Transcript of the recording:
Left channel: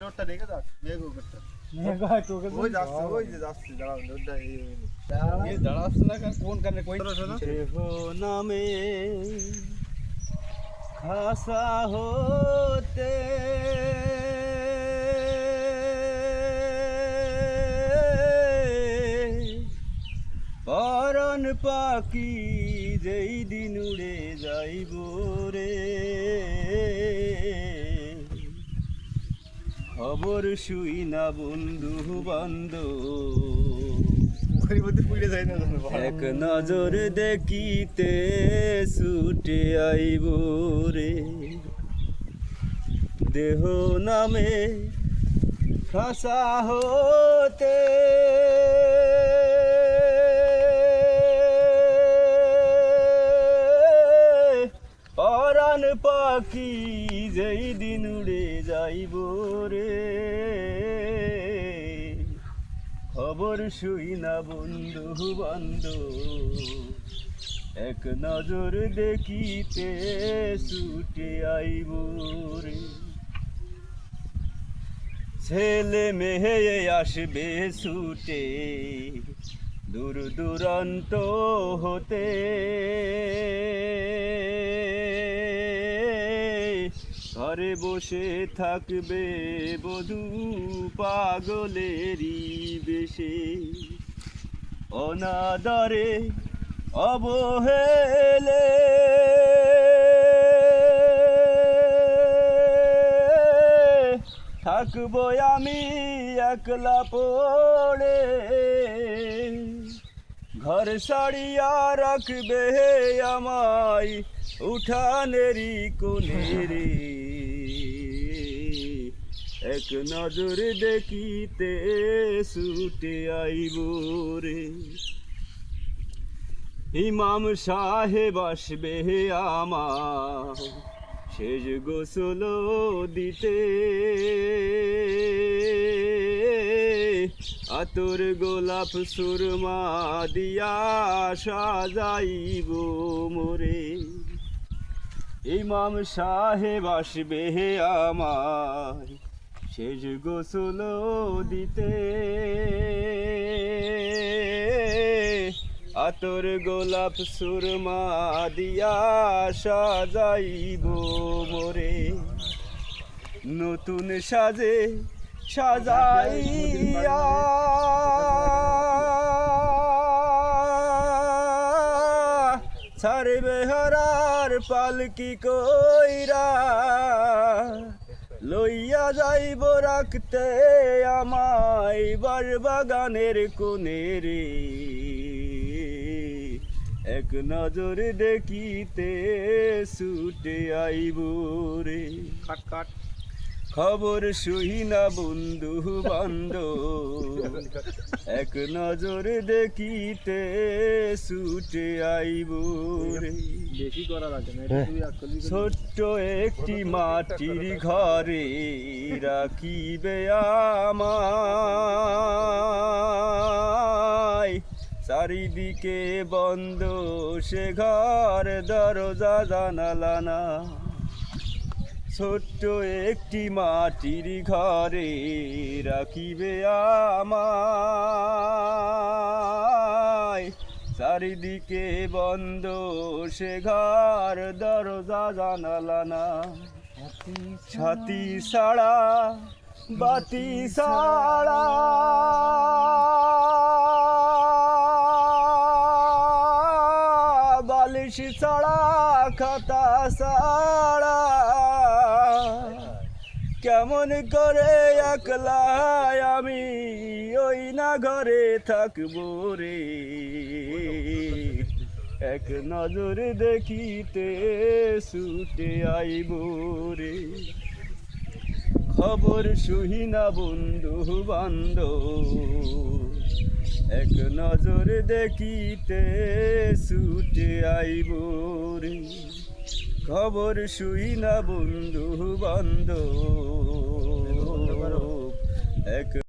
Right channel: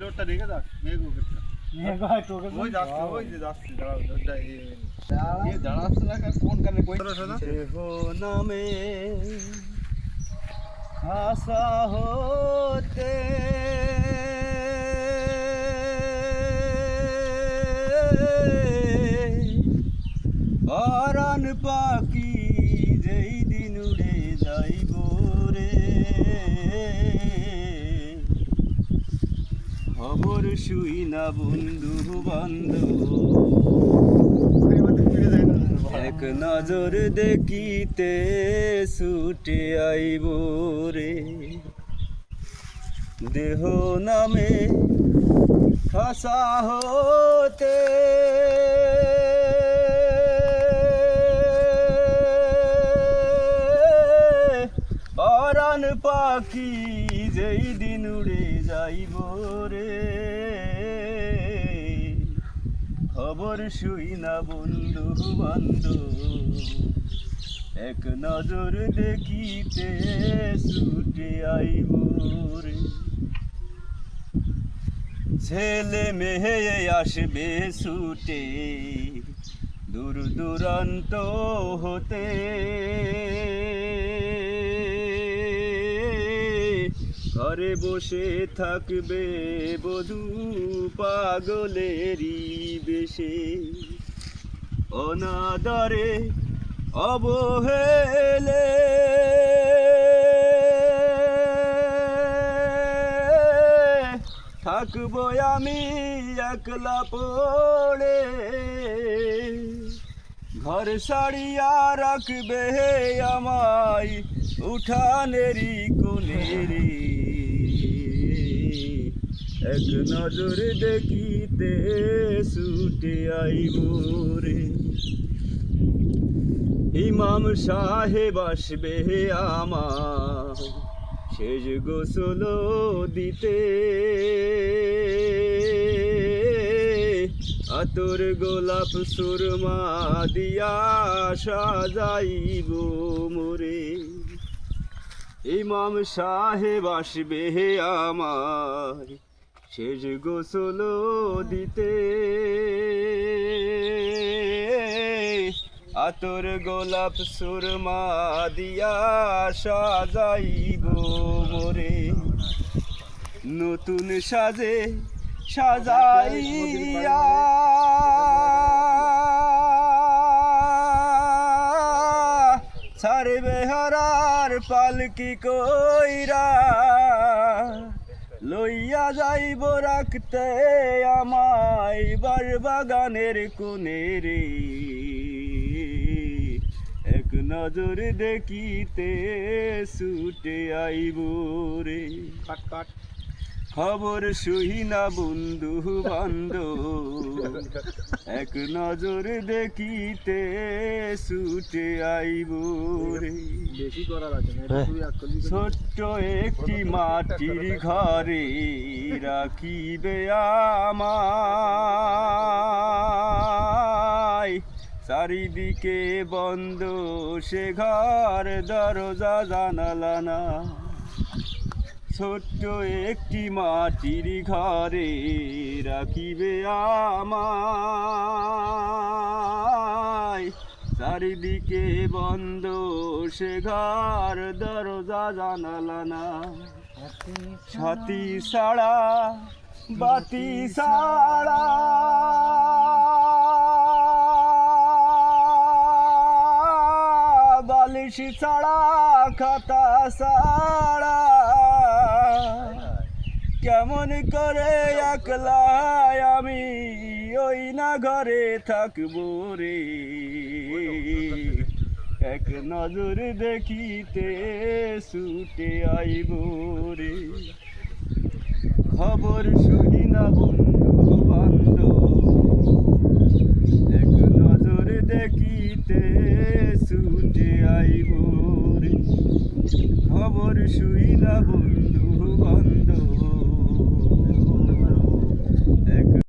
রোডটা দেখে যাক মেঘ উপরটা মেঘ হয় তোকে ওই যাচ্ছে ওই যে যাচ্ছে দাঁড়াও রোডটা এই দাঁড়াচ্ছে না কোন কানে কই হো নামে আশা হতে পরাণ পাখি যেই দিন উড়ে যাইব রে খবর শুই না বন্ধু বান্ধব এক নজর দেখিতে ছুটে আইব রে দেহ নামে খাসা হতে পরাণ পাখি যেই দিন উড়ে যাইব রে খবর শুই না বন্ধু বান্ধব এক নজর দেখিতে ছুটে আইব রে ছেলে মেয়ে আসবে ছুটে দূর দূরান্ত হতে ঘরে বসে থাকবে বধূ পাগলেরই বেশে অনাদরে অবহেলে থাকবো আমি একলা পড়ে ঘর সারিয়া রাখবে আমায় উঠানেরই কোণে রে এক নজর দেখিতে ছুটে আইব রে ইমাম সাহেব আসবে আমার শেষ গোসল দিতে আতর গোলাপ সুরমা দিয়া সাজাইব মোরে ইমাম সাহেব আসবে আমার শেষ গোসল দিতে আতর গোলাপ সুরমা দিয়া সাজাইব মোরে নতুন সাজে সাজাইয়া ছাড়বে হারার পালকি কইরা লইয়া যাইব রাখতে আমায় বাগানের কোণে রে এক নজর দেখিতে ছুটে আইব রে কাট কাট খবর শুই না বন্ধু বান্ধব এক নজর দেখিতে ছুটে আইব রে বেশি করা লাগে না ছোট্ট একটি মাটির ঘরে রাখিবে আমায় চারিদিকে বন্ধ সে ঘর দরজা জানালা না ছোট্ট একটি মাটির ঘরে রাখিবে আমায় চারিদিকে বন্ধ সে ঘর দরজা জানালা না ছাতি ছাড়া বাতি ছাড়া বালিশ ছাড়া খাতা ছাড়া কেমন করে একলা আমি ওই না ঘরে থাকবো রে এক নজর দেখিতে ছুটে আইব রে খবর শুই না বন্ধু বান্ধব এক নজর দেখিতে ছুটে আইব রে খবর শুই না বন্ধু বান্ধব এক